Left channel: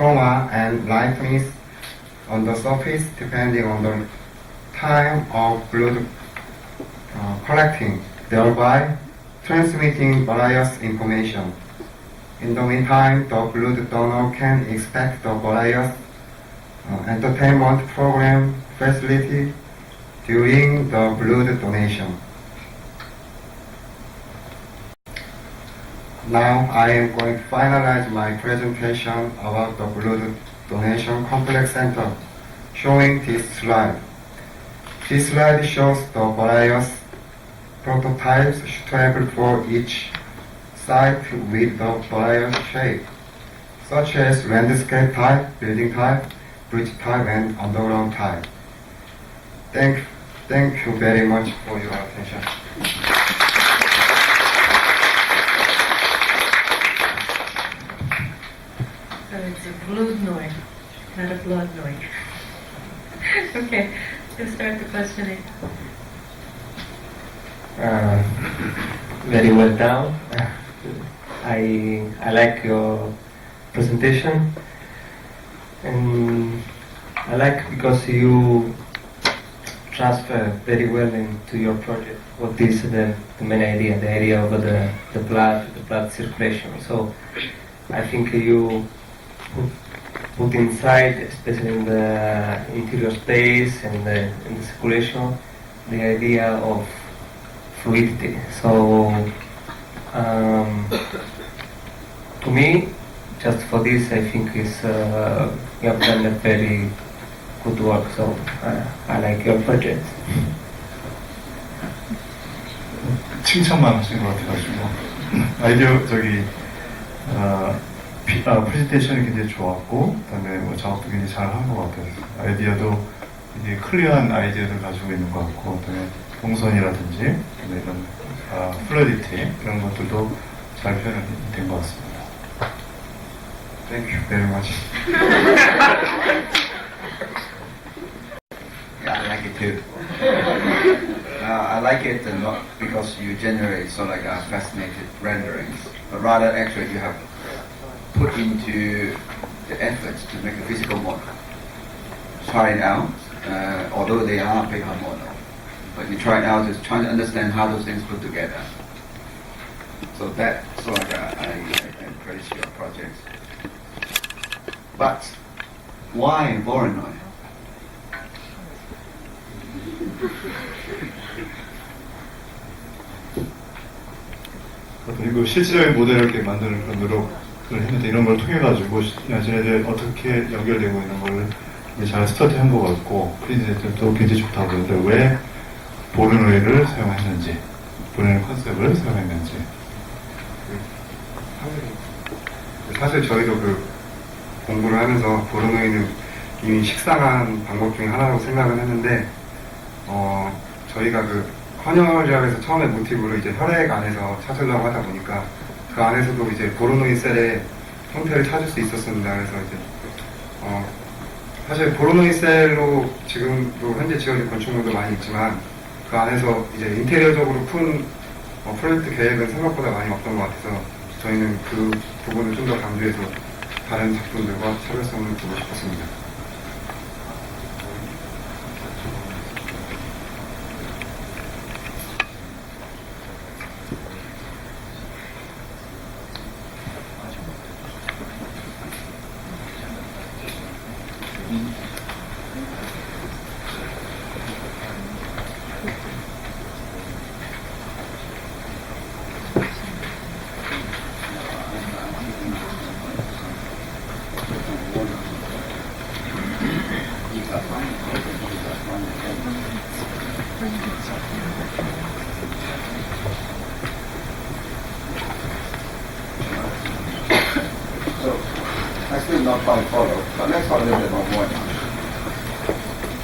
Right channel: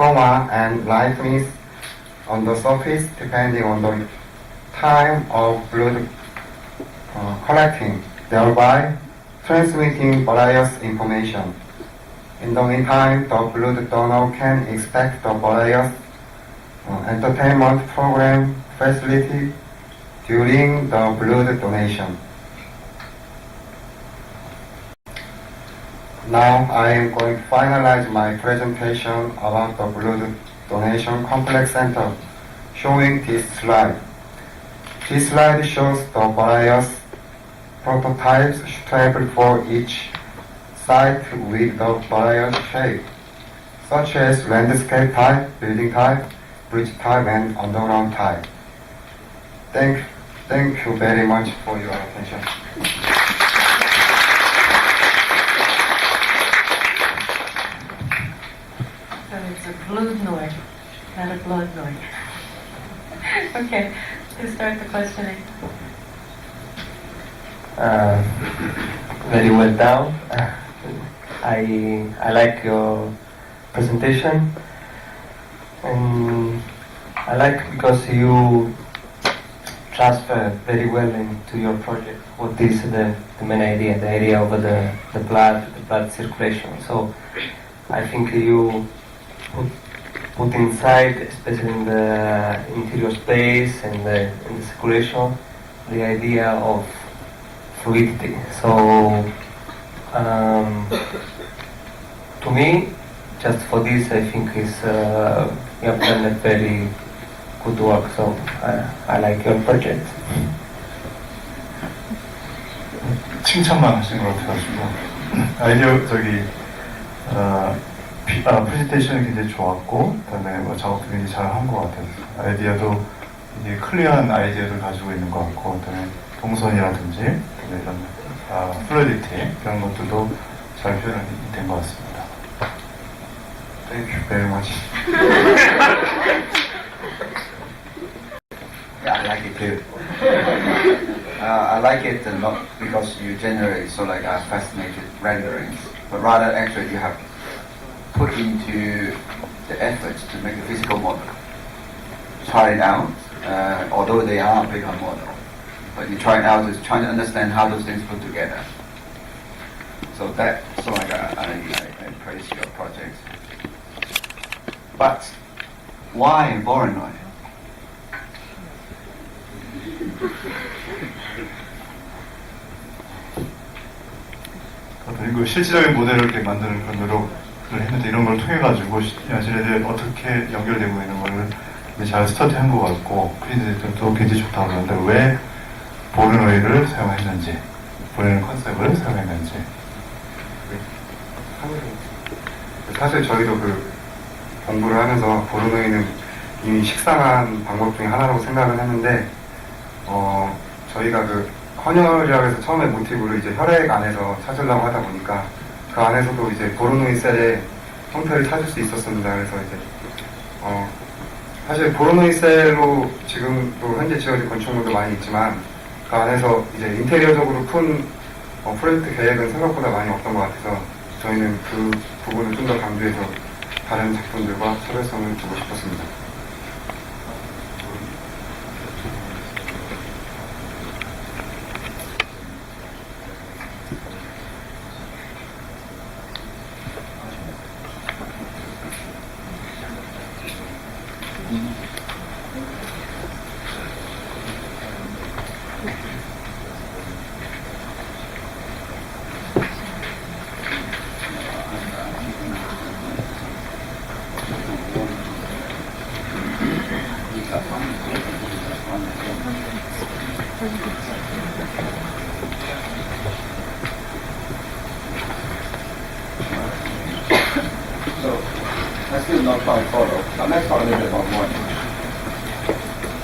chroma and lightness on the surface depending on the time of blood collecting, thereby transmitting various information. In the meantime, the blood donor can expect the various entertainment program facility during the blood donation. Now I am going to finalize my presentation about the blood donation complex center, showing this slide. This slide shows the various prototypes suitable for each site with the various shape, such as landscape type, building type, bridge type, and underground type. Thank you very much for your attention. So it's a Vloodnoi, not a Vloodnoi. Okay, let's start the questioning. Very well done. I like your presentation, and I like because you transfer very well into your project what is the main idea, the idea of the blood circulation. So I think you put inside, especially in the interior space and in the circulation, the idea of fluidity. So to me, just for this, I think you have done a very good work. So I like your project. 칭찬만 하신 것 같아가지고 아이디어 프레젠테이션이 굉장히 좋았고, 그다음에 작업도 굉장히 잘 한 것 같아요. 아이디어도 되게 클리어한 아이디어를 가지고 있는 것 같고, 그다음에 동선이라든지, 그다음에 이런 플루이디티 이런 것들도 잘 표현된 것 같습니다. Thank you very much. Yeah, I like it too. I like it not because you generate fascinated renderings, but rather actually you have put into the efforts to make a physical model. Try it out, although they are paper model, but you try it out to try to understand how those things put together. So I praise your projects. But why Vloodnoi? 그리고 실질적인 모델을 이렇게 만드는 그런 노력을 했는데, 이런 걸 통해가지고 야진애들이 어떻게 연결되고 있는 걸 이제 잘 스터디한 것 같고, 프레젠테이션도 굉장히 좋다고 그러는데 왜 Vloodnoi를 사용했는지, Vloodnoi 컨셉을 사용했는지. 사실 저희도 공부를 하면서 Vloodnoi는 이미 식상한 방법 중에 하나라고 생각을 했는데, 저희가 헌혈이라고 해서 처음에 모티브를 이제 혈액 안에서 찾으려고 하다 보니까 그 안에서도 이제 Vloodnoi 셀의 형태를 찾을 수 있었습니다. 그래서 이제 사실 Vloodnoi 셀로 지금도 현재 지어진 건축물도 많이 있지만 그 안에서 이제 인테리어적으로 큰 프로젝트 계획은 생각보다 많이 없던 것 같아서 저희는 그 부분을 좀 더 강조해서 다른 작품들과 차별성을 두고 싶었습니다. So, I still not quite follow, but let's talk a little bit about Vloodnoi.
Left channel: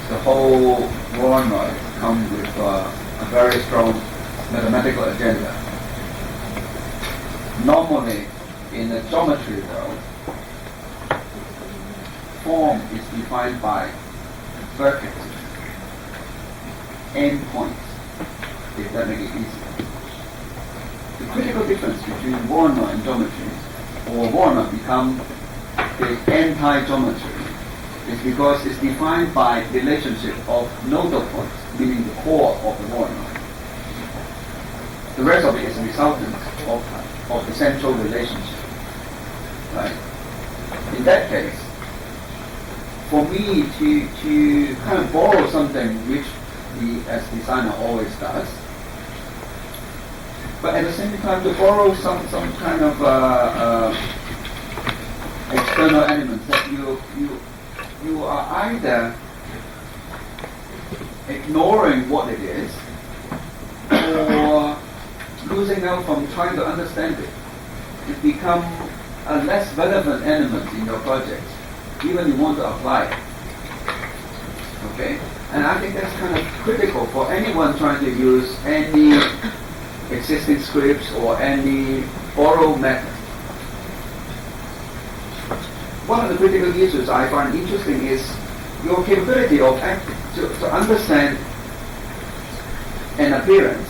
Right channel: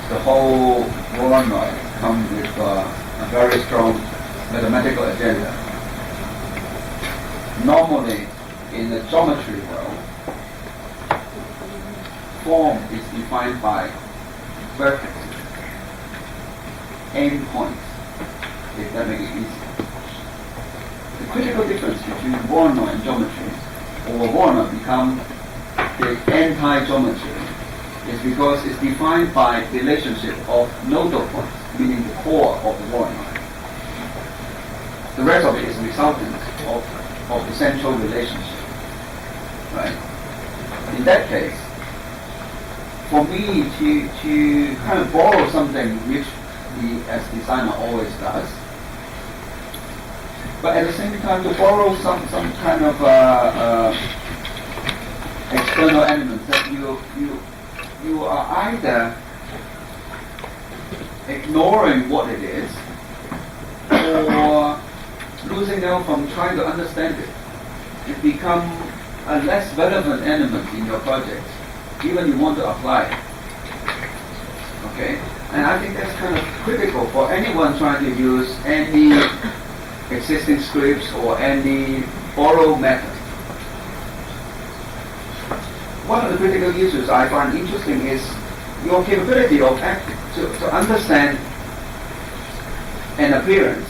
The whole Vloodnoi comes with a very strong mathematical agenda. Normally, in the geometry world, form is defined by vertices, endpoints, if that makes it easier. The critical difference between Vloodnoi and geometry, or Vloodnoi becomes the anti-geometry is because it's defined by relationship of nodal points, meaning the core of the Vloodnoi. The rest of it is resultant of the central relationship, right? In that case, for me to kind of borrow something which we as designer always does, but at the same time to borrow some kind of external elements that you are either ignoring what it is or losing out from trying to understand it. It becomes a less relevant element in your project, even you want to apply it. Okay? And I think that's kind of critical for anyone trying to use any existing scripts or any borrowed method. One of the critical issues I find interesting is your capability of to understand an appearance,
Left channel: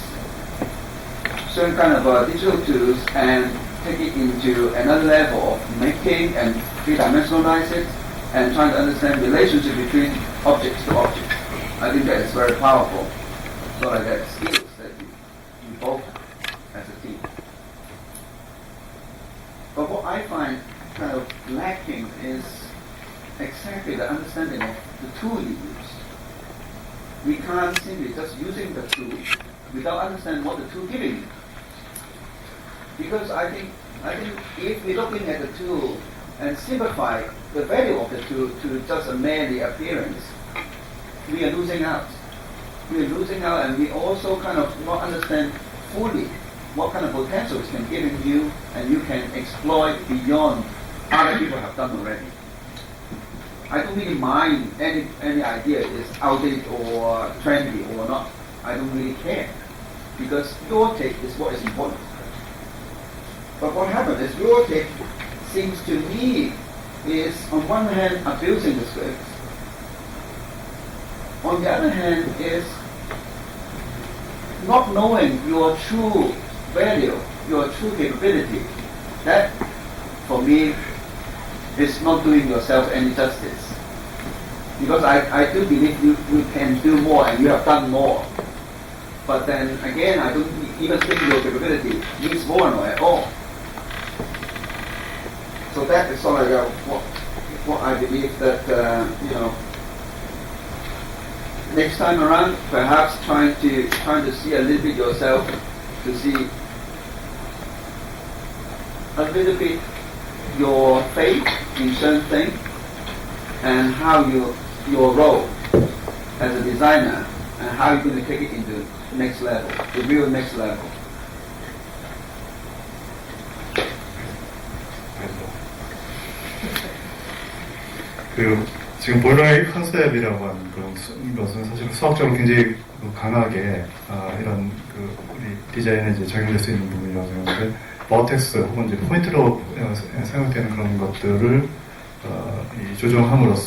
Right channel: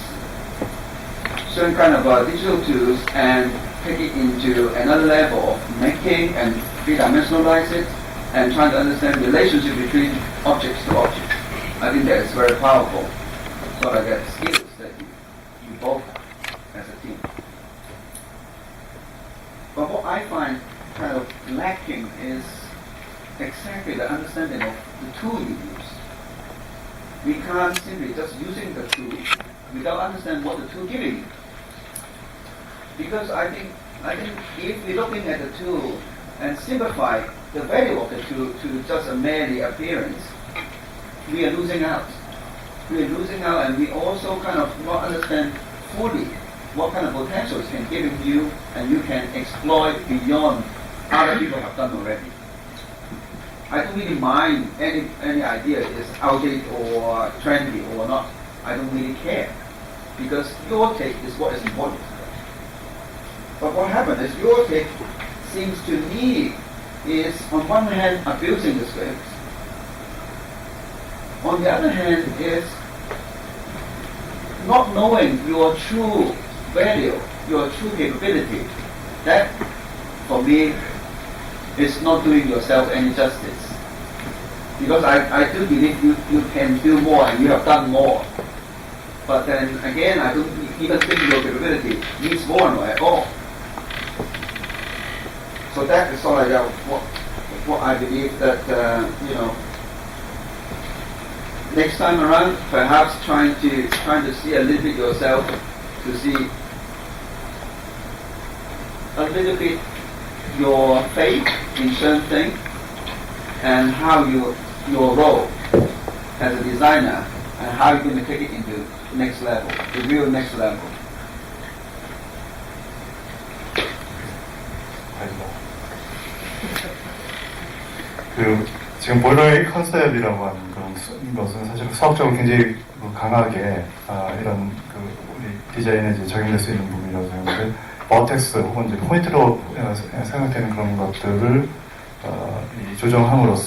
certain kind of digital tools, and take it into another level of making and three-dimensionalize it and trying to understand the relationship between objects to objects. I think that is very powerful. So like that skills that you both have as a team. But what I find kind of lacking is exactly the understanding of the tool you use. We can't simply just using the tool without understanding what the tool giving you. Because I think if we're looking at the tool and simplify the value of the tool to just a merely appearance, we are losing out. We are losing out, and we also kind of not understand fully what kind of potentials can give in you, and you can exploit beyond other people have done already. I don't really mind any idea is outdated or trendy or not. I don't really care, because your take is what is important. But what happened is your take seems to me is on one hand abusing the script, on the other hand is not knowing your true value, your true capability. That for me is not doing yourself any justice. Because I do believe you can do more and you have done more. But then again, I don't even think your capability needs Vloodnoi at all. So that is sort of what I believe that, next time around, perhaps trying to see a little bit yourself, to see a little bit your faith in certain things and how your role as a designer and how you're going to take it into next level, the real next level. 지금 보일러의 컨셉이라고 하는 것은 사실 수학적으로 굉장히 강하게 이런 우리 디자인에 이제 적용될 수 있는 부분이라고 생각하는데, 버텍스 혹은 이제 포인트로 생각되는 그런 것들을 조정함으로써